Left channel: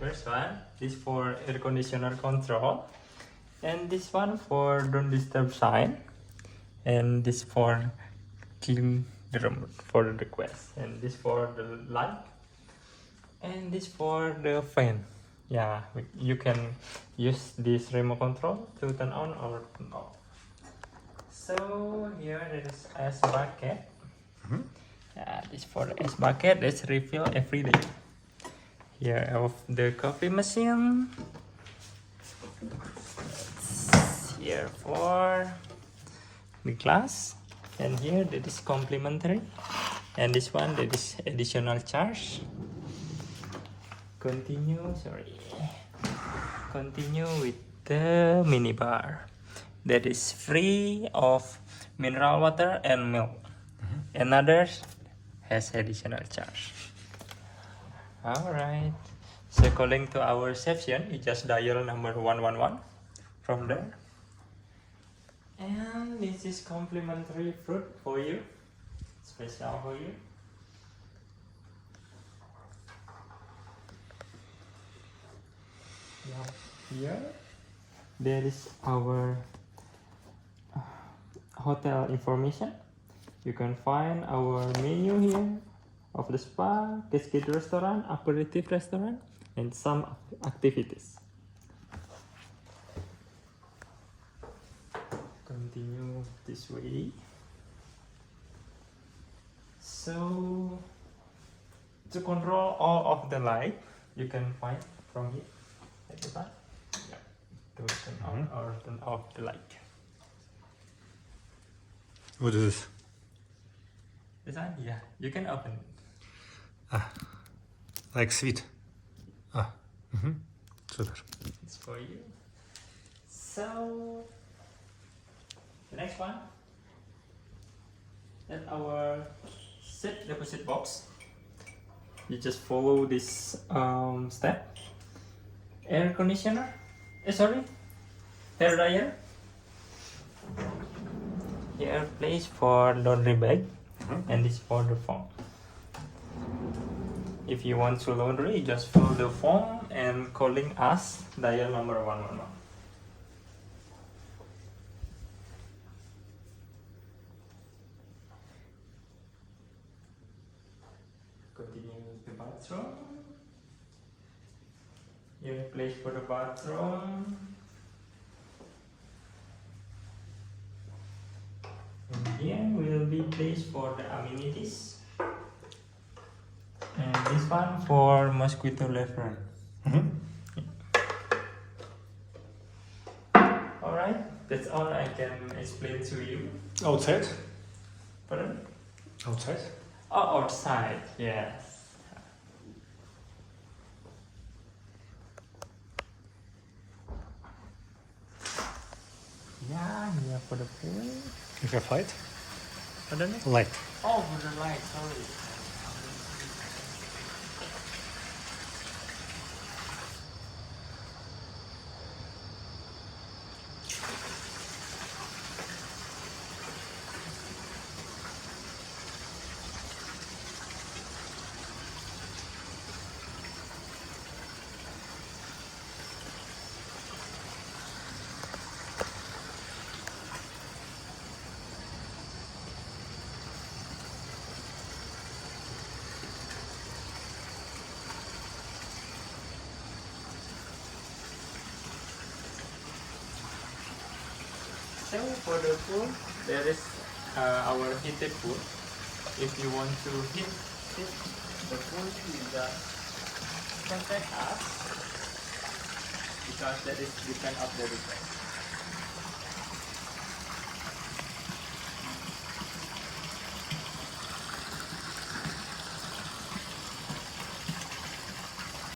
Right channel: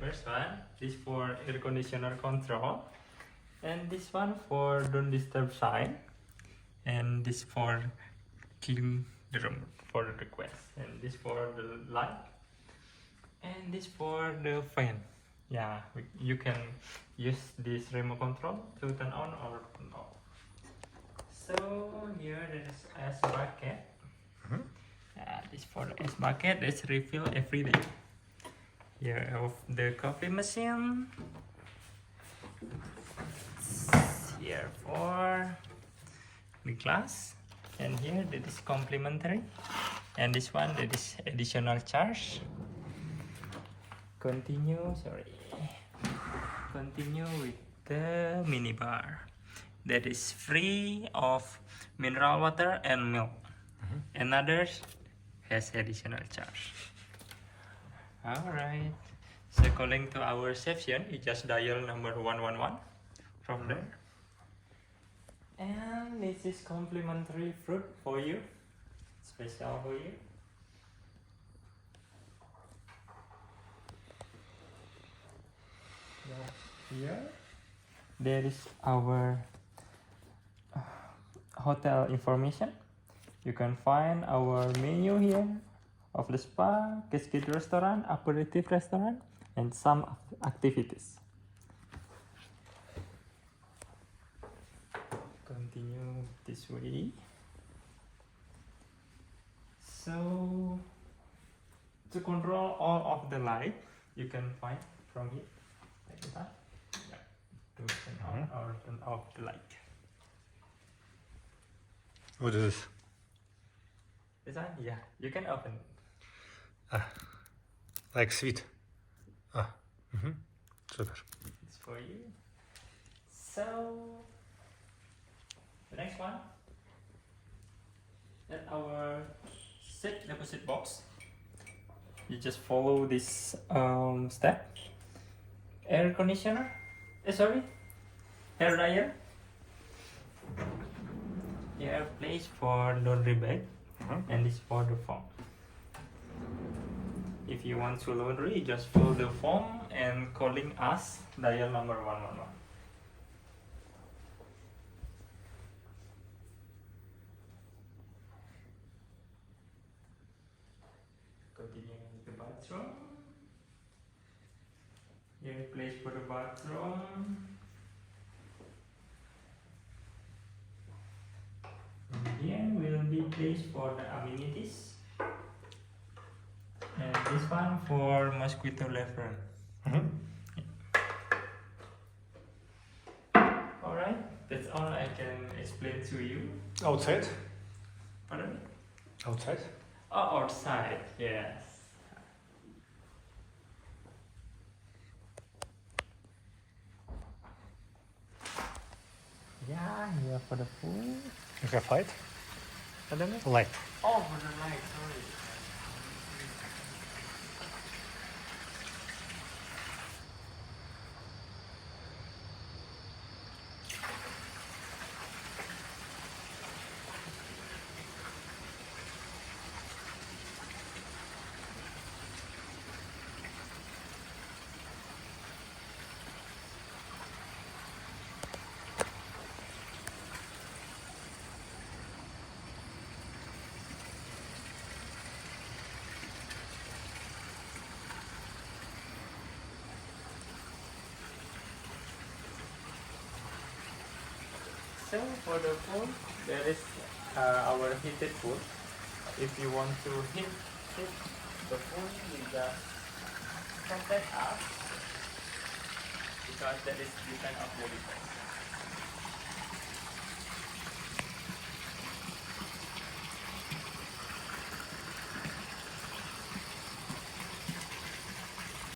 first one. This for air conditioner control, and this one for don't disturb sign, and this for kill the remote for the request, and this for the light, and this for the fan. Yeah, you can use this remote control to turn on or turn off. So here there is ice bucket. This for the ice bucket. Let's refill every day. Here of the coffee machine. Here for the glass, and here that is complimentary, and this one that is additional charge. Continue with the minibar that is free of mineral water and milk. Another has additional charge. Alright, so calling to our reception, you just dial number 111 from there. And this is complimentary fruit for you, special for you. Here there is our hotel information. You can find our menu here of the spa, cascade restaurant, aperitif restaurant, and some activities. Continue this way. So to control all of the light, you can find from here. Yeah, to turn on or turn off the light. What is this? This one, yeah, you can open it. Like sweet. Super. It's for you. So the next one, that's our set deposit box. You just follow this step. Air conditioner, hair dryer. Here place for laundry bag, and this for the foam. If you want to laundry, just follow the form and calling us, dial number 111. Continue with the bathroom. Here place for the bathroom. And here will be place for the amenities. And this one for mosquito repellent. Alright, that's all I can explain to you. Outside? Pardon? Outside? Oh, outside, yes. Yeah, here for the pool. You have light? Pardon? Light. Oh, for the light, sorry. So for the pool, there is our heated pool. If you want to heat the pool, you just contact us because that is depend of the request.